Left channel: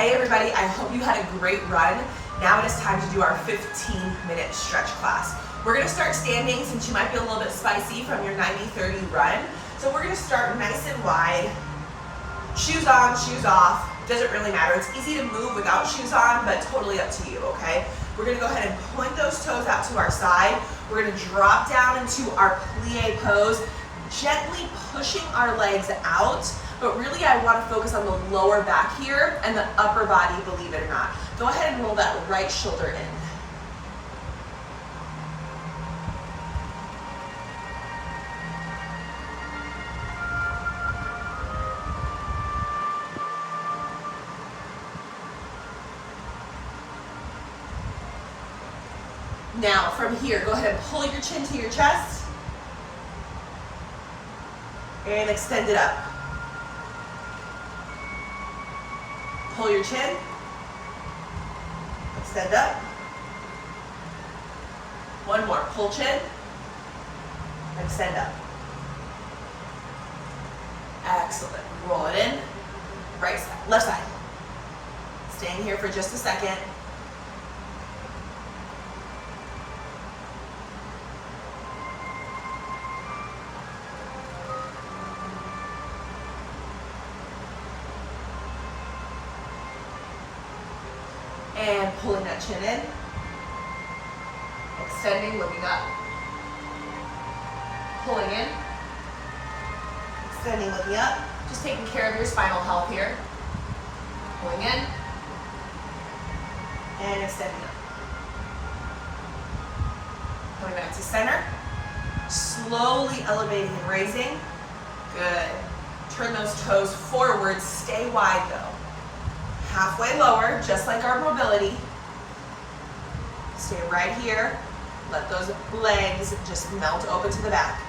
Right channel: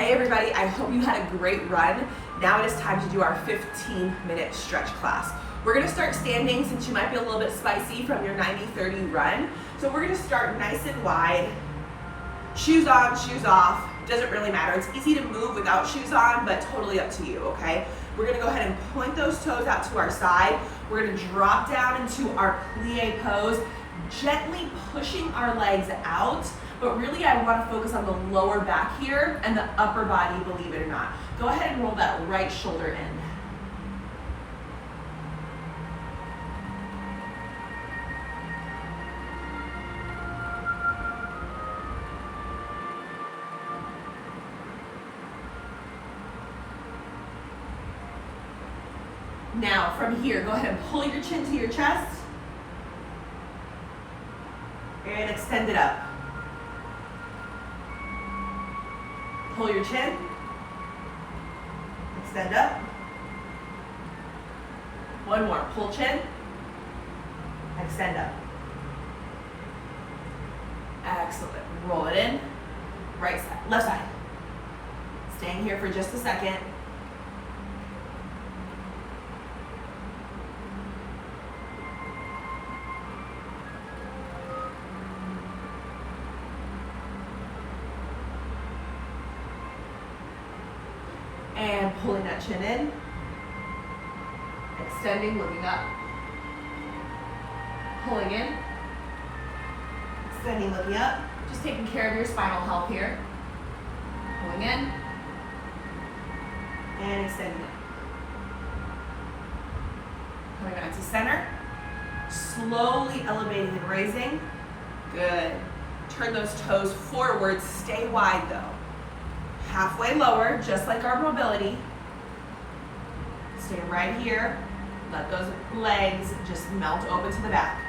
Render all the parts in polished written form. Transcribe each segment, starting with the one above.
Hey everybody, I hope you had a great run. Now it is time to do our 15-minute stretch class. We're gonna start standing since you might be a little bit spicy from your 90-30 run. So we're gonna start nice and wide. Shoes on, shoes off, doesn't really matter. It's easy to move without shoes on, but totally up to you, okay? We're gonna go ahead and point those toes out to our side. We're gonna drop down into our plie pose, gently pushing our legs out, but really I wanna focus on the lower back here and the upper body, believe it or not. Go ahead and roll that right shoulder in. Now, from here, go ahead and pull your chin to your chest and extend it up. Pull your chin, extend up. One more, pull chin, extend up. Excellent, roll it in, right side, left side. Staying here for just a second. And pulling that chin in, extending, looking up, pulling in, extending, looking up, just taking care of your spinal health here. Pulling in, and extending up. Coming back to center, slowly elevating and raising. Good. Turn those toes forward, stay wide though. Halfway lower, just like our mobility. Stay right here. Let those legs just melt open to the back.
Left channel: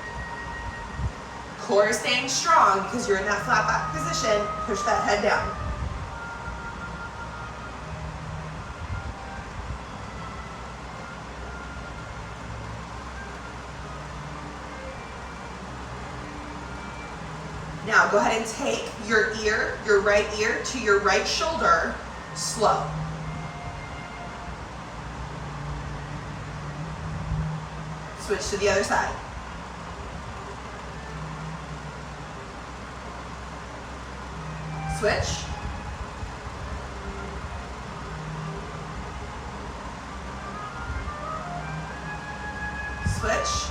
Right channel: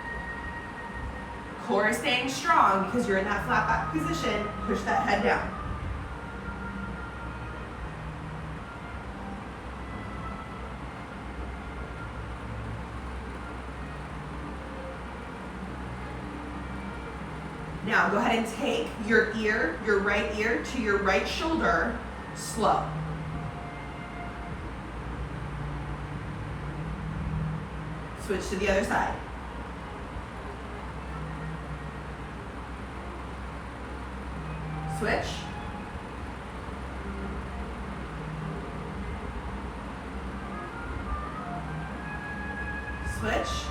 Core is staying strong because you're in that flat back position. Push that head down. Now go ahead and take your ear, your right ear to your right shoulder, slow. Switch to the other side. Switch. Switch.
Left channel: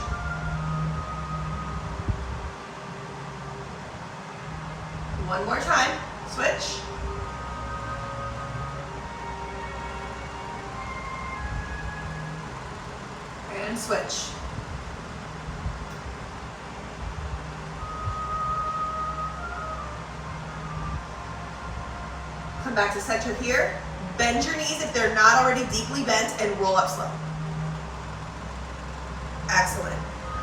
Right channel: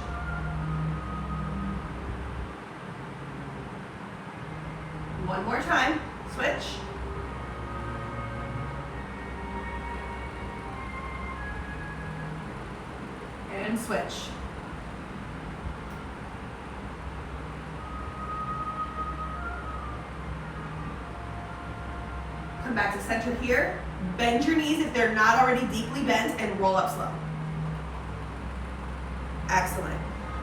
One more time, switch. And switch. Come back to center here. Bend your knees if they're not already deeply bent and roll up slow. Excellent.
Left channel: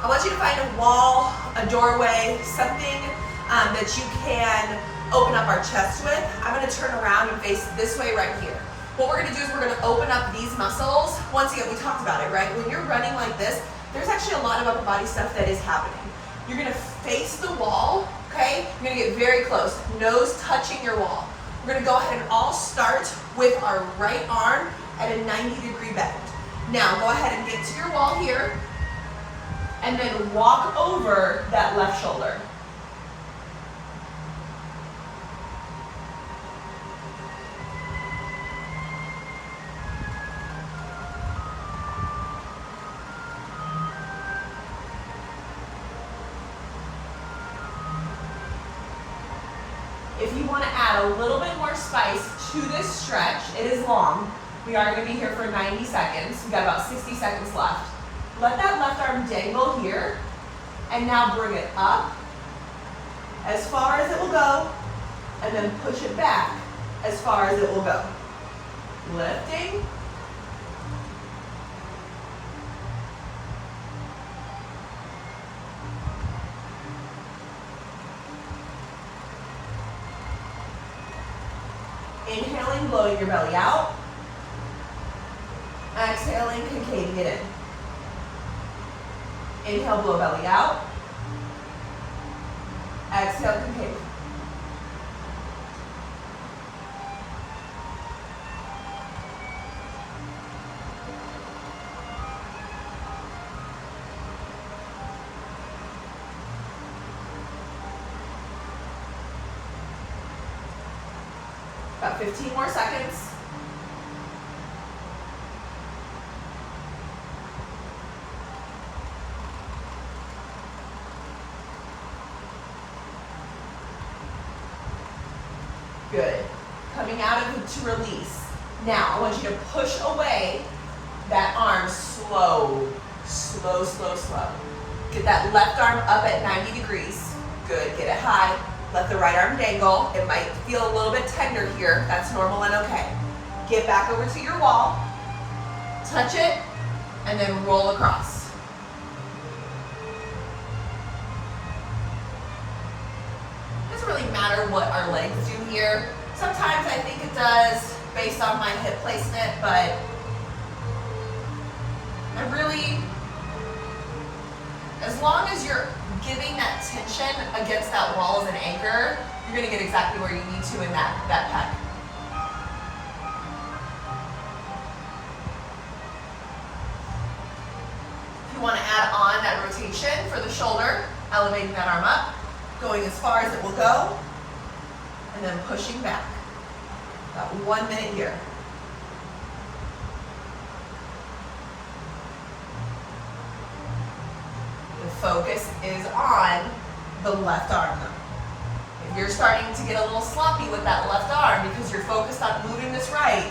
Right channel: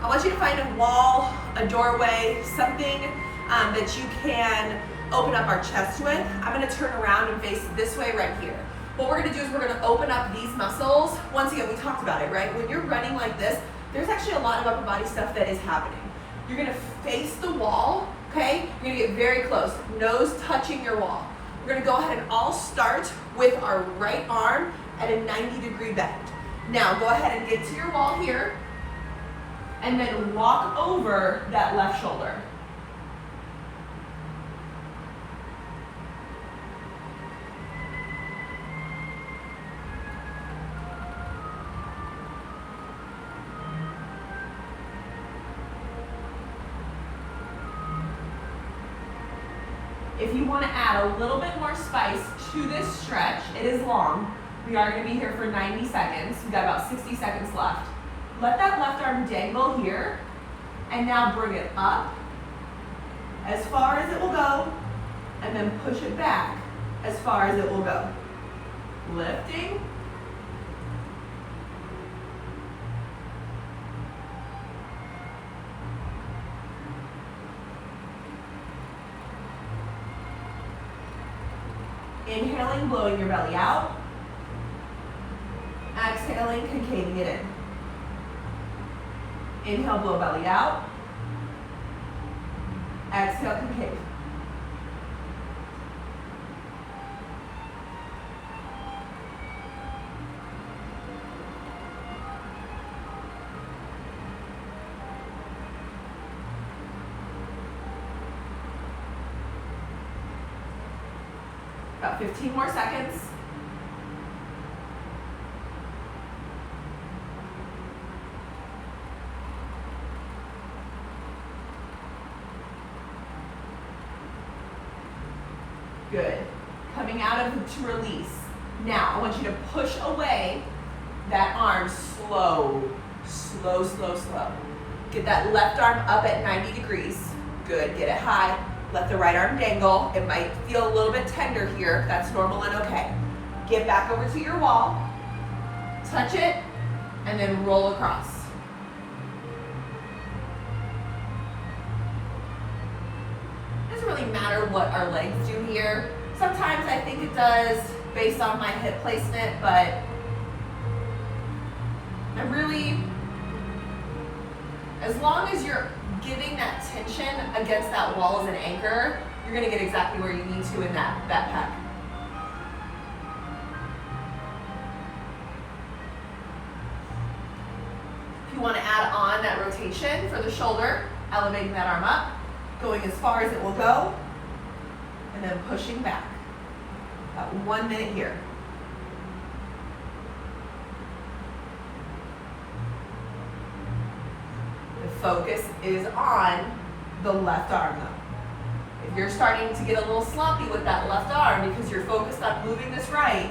I want you to find a wall, a doorway, something that you can open up our chest with. I'm gonna turn around and face this way right here. What we're gonna do is we're gonna open up these muscles. Once again, we talked about it, right? When you're running like this, there's actually a lot of upper body stuff that is happening. You're gonna face the wall, okay? You're gonna get very close, nose touching your wall. We're gonna go ahead and all start with our right arm at a 90-degree bend. Now, go ahead and get to your wall here, and then walk over that left shoulder. If you want to add a little bit more spice to this stretch, it is long. We are going to be here for 90 seconds. We've got about 60 seconds left. Let that left arm dangle here, and now bring it up as far as it will go, and then push it back as far as it will go. Lifting. Inhaling, blowing your belly out. Exhaling, concaving it in. Inhale, blow belly out. Exhale, concave. About 15 more seconds. Good. Coming out of it to release. Now, I want you to push away that arm slow, slow, slow, slow. Get that left arm up at 90 degrees. Good, get it high. Let the right arm dangle. It might feel a little bit tender here. That's normal and okay. Get back over to your wall. Touch it, and then roll across. It doesn't really matter what our legs do here. Sometimes I think it does based on my hip placement, but I really, as long as you're giving that tension against that wall as an anchor, you're gonna get exactly where you need to in that pec. If you wanna add on that rotation for the shoulder, elevating that arm up, going as far as it will go, and then pushing back. About 1 minute here. Focus is on the left arm though. If you're starting to get a little slumpy with that left arm because you're focused on moving this right,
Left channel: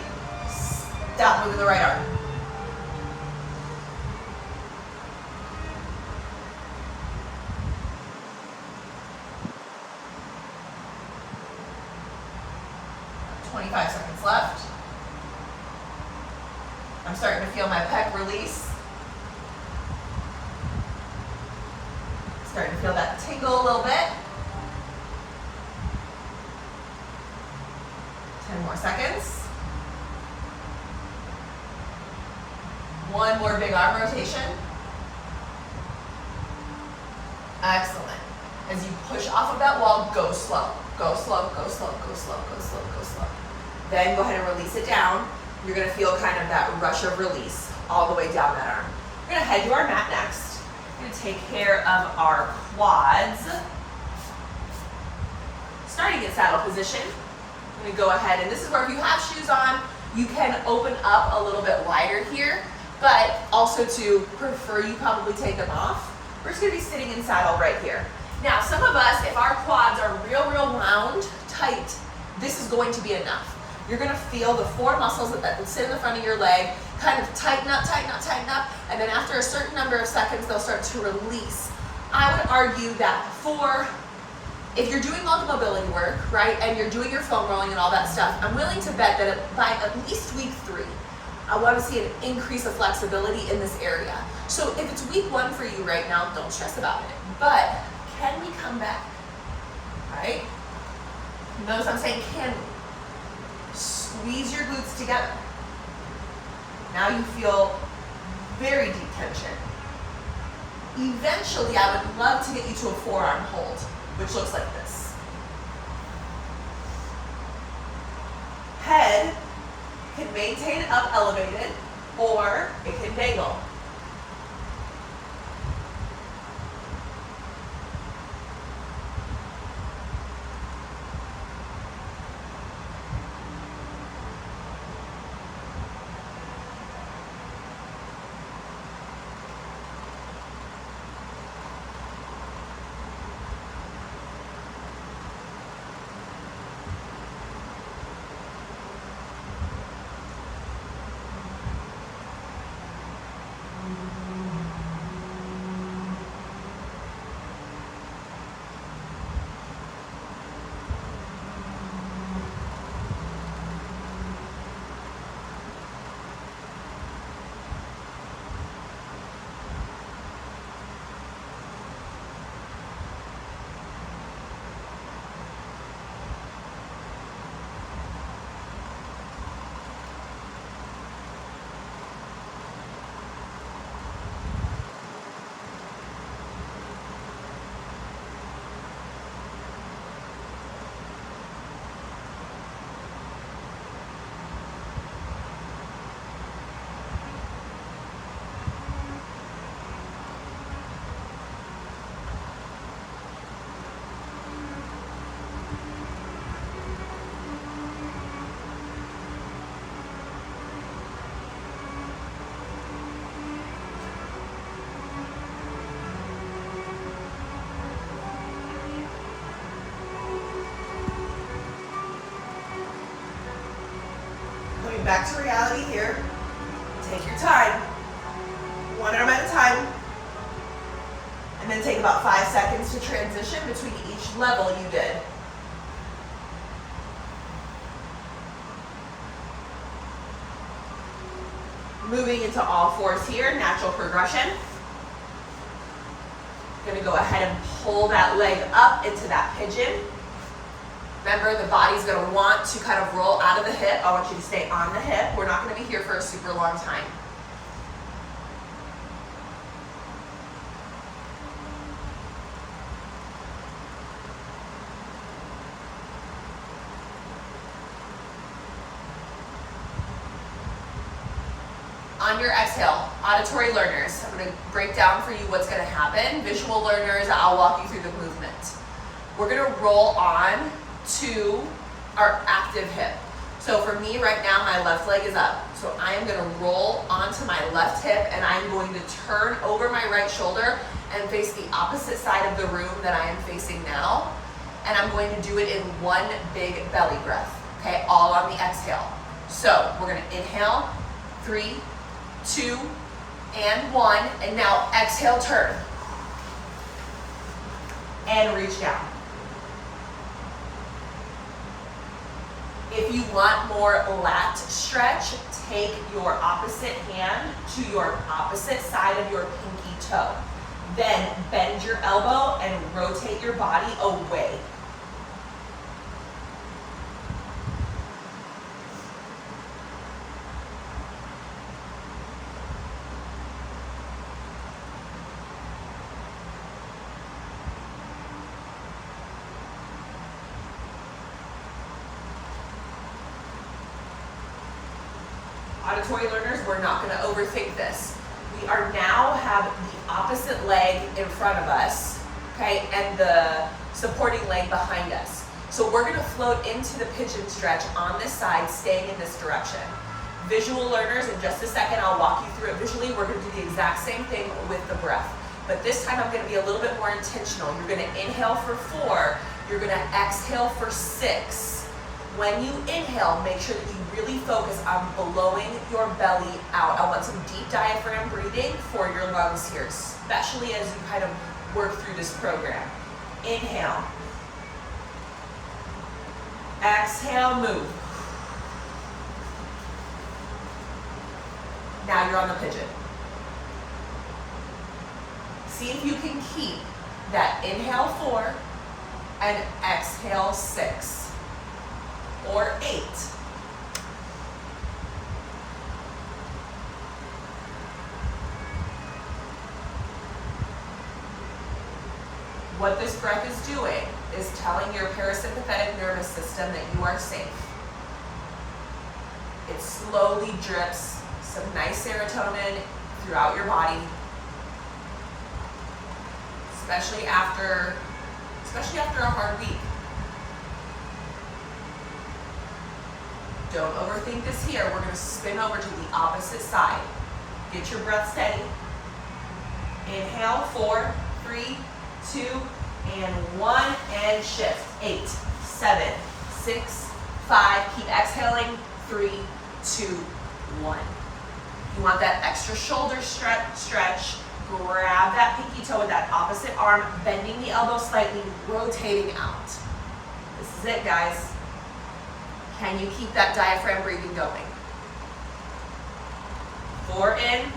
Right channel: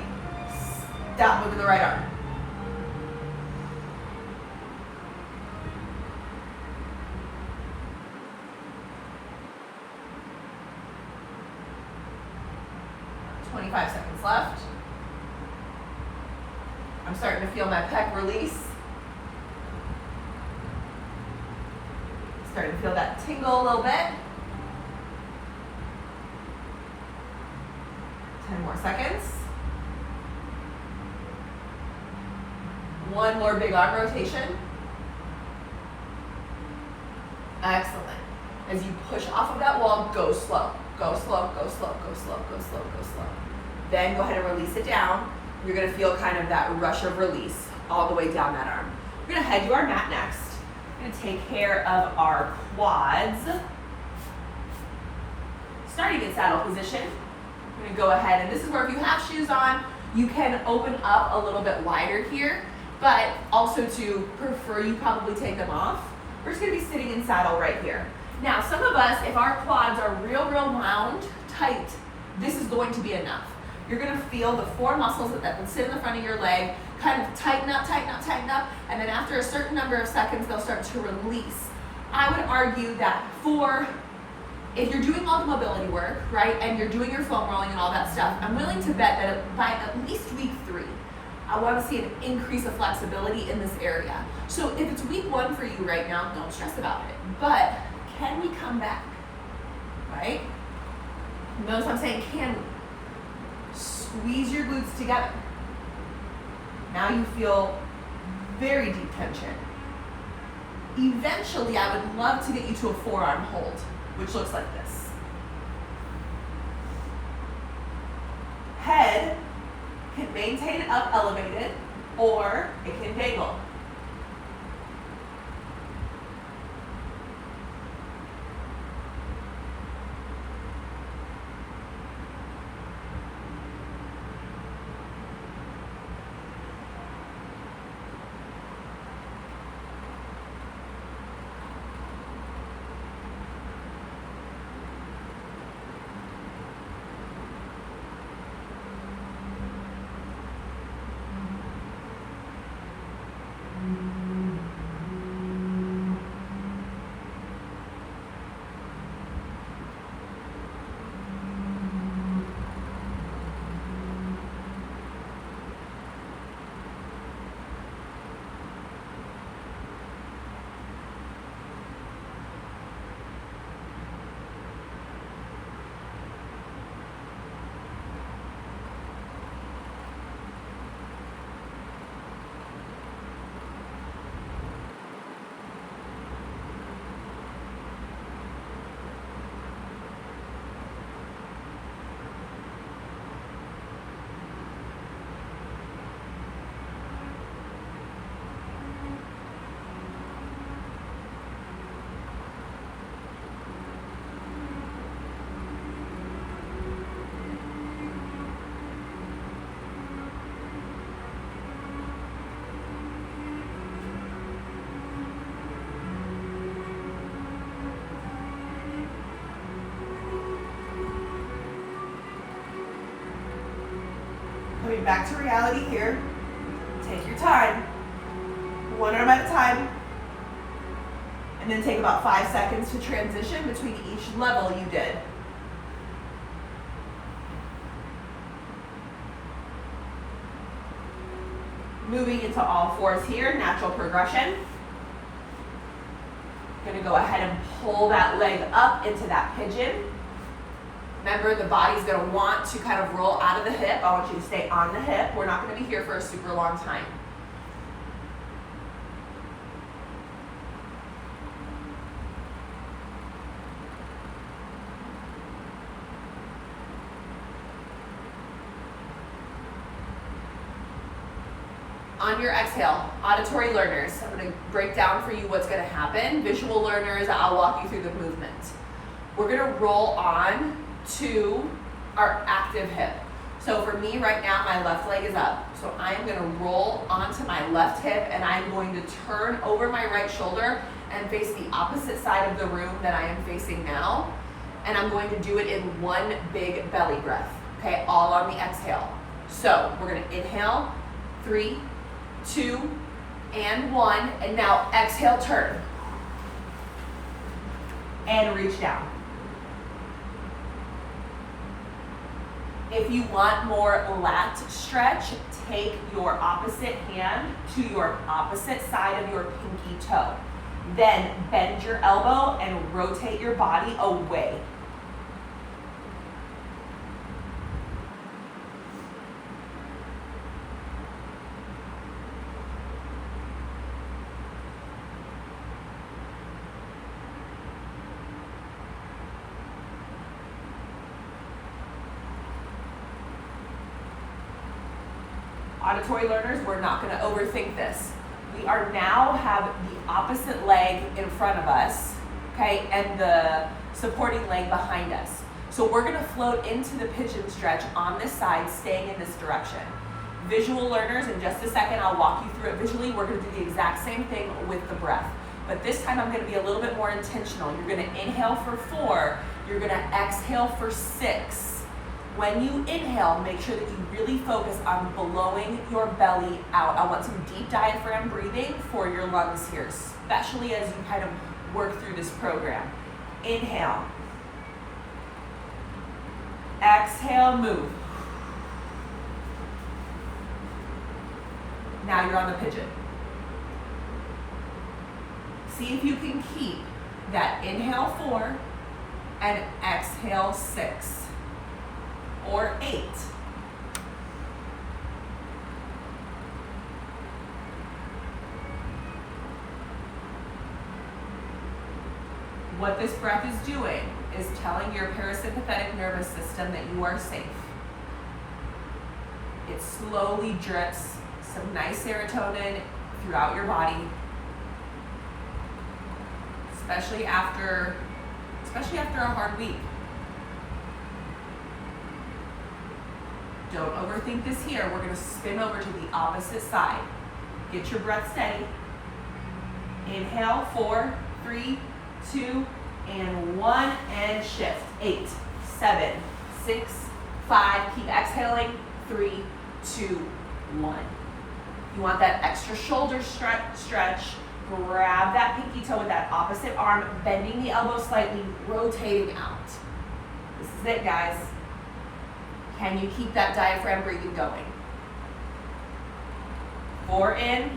stop moving the right arm. "25 seconds left. I'm starting to feel my pec release. Starting to feel that tingle a little bit. 10 more seconds. One more big arm rotation. Excellent. As you push off of that wall, go slow. Go slow, go slow, go slow, go slow, go slow. Then go ahead and release it down. You're gonna feel kind of that rush of release all the way down that arm. We're gonna head to our mat next. We're gonna take care of our quads. Starting in saddle position, I'm gonna go ahead, and this is where if you have shoes on, you can open up a little bit wider here, but also to prefer you probably take them off. We're just gonna be sitting in saddle right here. Now, some of us, if our quads are real wound, tight, this is going to be enough. You're gonna feel the four muscles that sit in the front of your leg kind of tighten up, and then after a certain number of seconds, they'll start to release. I would argue that if you're doing all the mobility work, right, and you're doing your foam rolling and all that stuff, I'm willing to bet that by at least week 3, I wanna see an increase of flexibility in this area. So if it's week 1 for you right now, don't stress about it. But can we come back, right? Notice I'm saying can we? Squeeze your glutes together. Now you feel very deep tension. Eventually, I would love to get you to a forearm hold, which looks like this. Head can maintain up elevated, or it can dangle. Coming back to reality here. Take your time. One arm at a time. And then take about 5 seconds to transition between each level you did. Moving into all fours here, natural progression. Gonna go ahead and pull that leg up into that pigeon. Remember, the body's gonna want to kind of roll out of the hip. I want you to stay on the hip. We're not gonna be here for a super long time. On your exhale, auditory learners, I'm going to break down for you what's going to happen. Visual learners, I'll walk you through the movement. We're going to roll on to our active hip. So for me right now, my left leg is up. So I am going to roll onto my left hip and I'm going to turn over my right shoulder and face the opposite side of the room that I am facing now. And I'm going to do it in one big belly breath, okay, all on the exhale. So we're going to inhale, 3, 2, and 1, and now exhale, turn. And reach down. If you want more lat stretch, take your opposite hand to your opposite side of your pinky toe. Then bend your elbow and rotate your body away. Auditory learners, we're not going to overthink this. We are now have the opposite leg in front of us, okay, and the supporting leg behind us. So we're going to float into the pigeon stretch on this side, staying in this direction. Visual learners, in just a second, I'll walk you through it visually. We're going to do the exact same thing with the breath. But this time I'm going to be a little bit more intentional. You're going to inhale for 4. You're going to exhale for 6. When you inhale, make sure that you really focus on blowing your belly out. I want some deep diaphragm breathing for your lungs here, especially as you kind of work through this program. Inhale. Exhale, move. Now you're on the pigeon. See if you can keep that inhale 4 and exhale 6. Or 8. What this breath is doing is telling your parasympathetic nervous system that you are safe. It slowly drips some nice serotonin throughout your body, especially after a hard week. Don't overthink this here. We're going to spin over to the opposite side. Get your breath steady. Inhale, 4, 3, 2, and 1, and shift. 8, 7, 6, 5. Keep exhaling. 3, 2, 1. You want that extra shoulder stretch. Grab that pinky toe with that opposite arm, bending the elbow slightly, rotating out. This is it, guys. Can you keep that diaphragm breathing going? 4 in,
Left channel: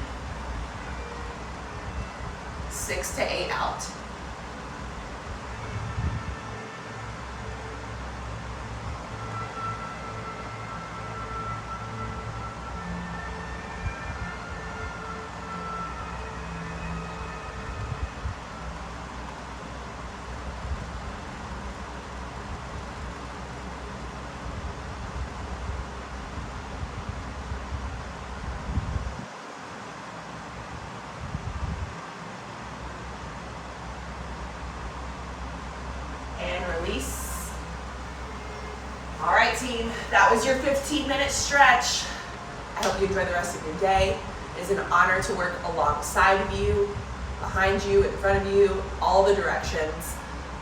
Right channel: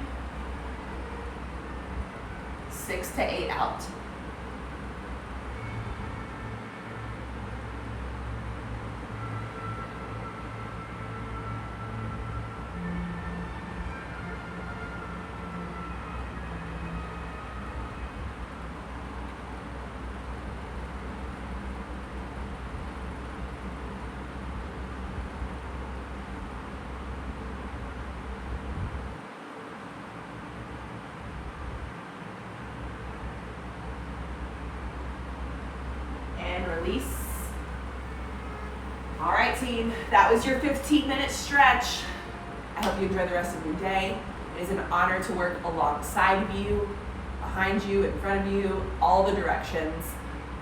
6 to 8 out. Release. All right, team, that was your 15-minute stretch. I hope you enjoy the rest of your day. It is an honor to work alongside of you, behind you, in front of you, all the directions.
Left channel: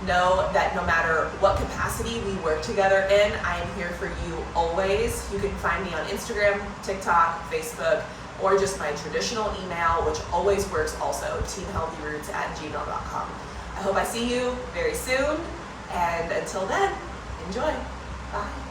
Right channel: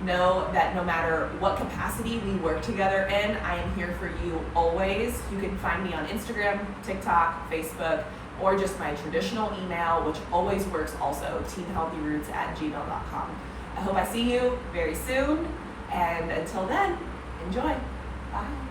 know that no matter what capacity we work together in, I am here for you always. You can find me on Instagram, TikTok, Facebook, or just my traditional email, which always works also, teamhealthyroots@gmail.com. I hope I see you very soon, and until then, enjoy. Bye.